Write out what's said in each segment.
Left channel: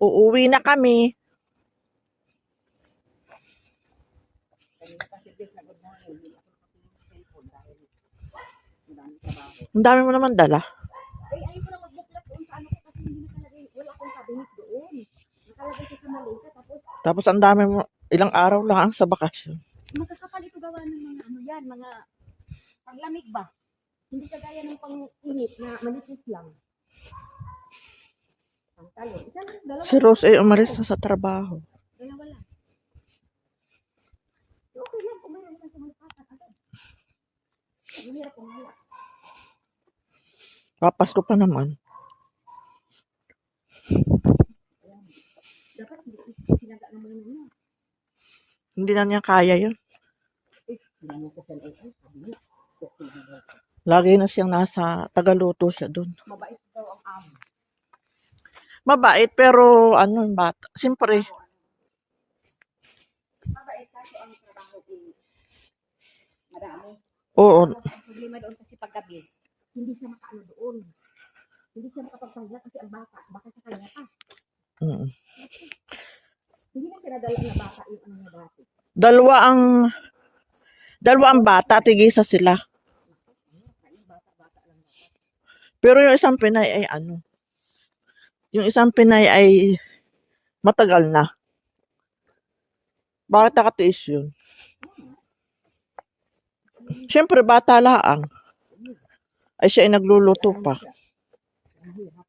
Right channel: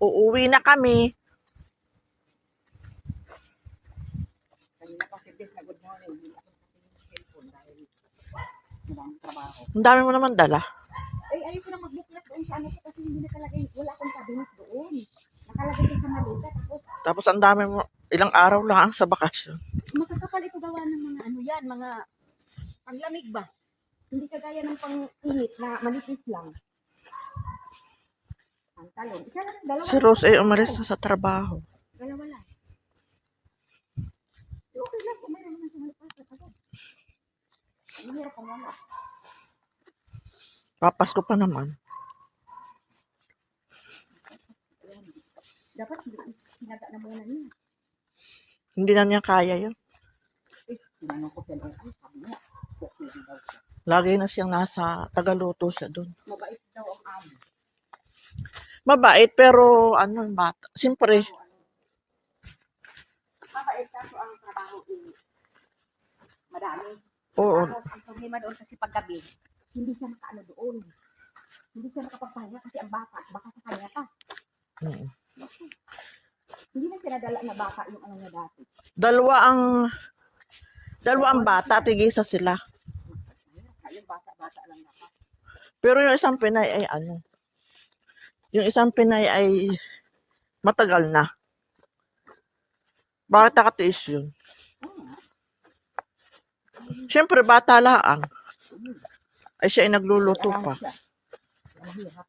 Uuwi na kami. Kanina pa si Des na good morning. Hindi ako nakatingin ng cellphone dahil madaming trabaho. Ang dami mo naman dala. Ay, ayoko na magbuklat doon sa ano ko kasi hindi nakalagay. Wala akong cabinet doon. Nakalagay ko sa malita. Tapos ang dami mo, ilang araw lang sa bakasyon. Makakapal ito gawa ng mga ano yan, mga panglamig ba? Hindi kagaya ng pang-init na manipis lang. Ang talon. Isa lang, dalawa. Si Rose ay umalis na sa trabaho. Dalawa lang. Okay lang kung mayroon naman sa malipatan agad. Mahirap kung wala. Papasko pa naman. Ayan. Dapat sinaga na muna niya. Hindi na niya kaya yun. Tinanong ko siya, ay, sabi niya, okay lang daw siya. Lagi na siyang nasa Tagaluto siya doon. Mabait daw ang amo. Mabait pero ano bata. Siyempre, Mabait kaso ang trabaho madami. oo. Ang problema doon kasi paggabi, hindi siya makaano doon. Hindi siya makapagpahinga kasi ang baka sa kanya pa. Mm. Hindi na pinadala na baka yung ano niya dati. Dalawa ang bata, tigisa sila. Yung bata lang dapat. Pero yung isang Pinay ay ano? Yung isang Pinay ay matagal na. Bakit nakatiis yun? Siyempre, bata laang. Ay siya ay nagluluto pa. Mahirap.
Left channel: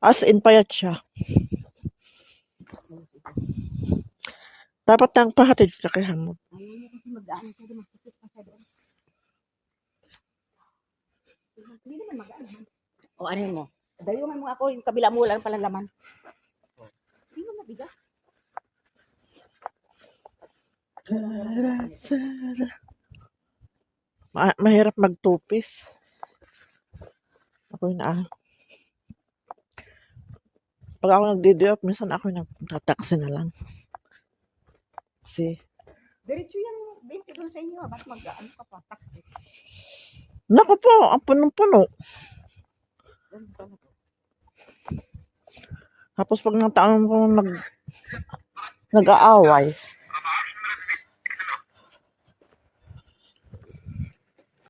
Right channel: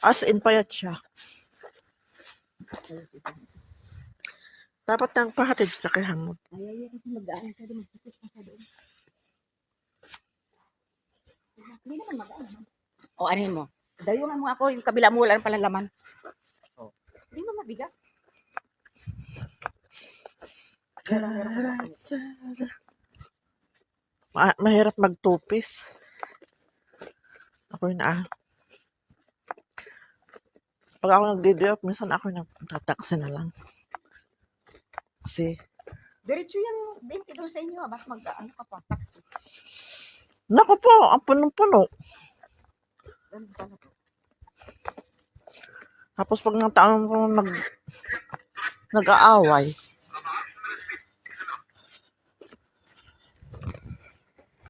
As in, payat siya. Dapat nang pahatid ka kay Hamod. Ayaw niya kasi mag-aan siya doon. Magsikip pa siya doon. Hindi naman mag-aan naman. O, anin mo? Dayungan mo ako. Yung kabila mo, wala ng palalaman. Hindi mo mabigat. Mahirap magtupis. Ako na. Pag ako nagdi-drop, minsan ako nagtataksi na lang. Kasi, Diretso yung 20 doon sa inyo. Ba't mag-ano ka pa? Taxi. naku po, ang punong-puno. Ganun pala to. Tapos pag ng taon po nag-aaway,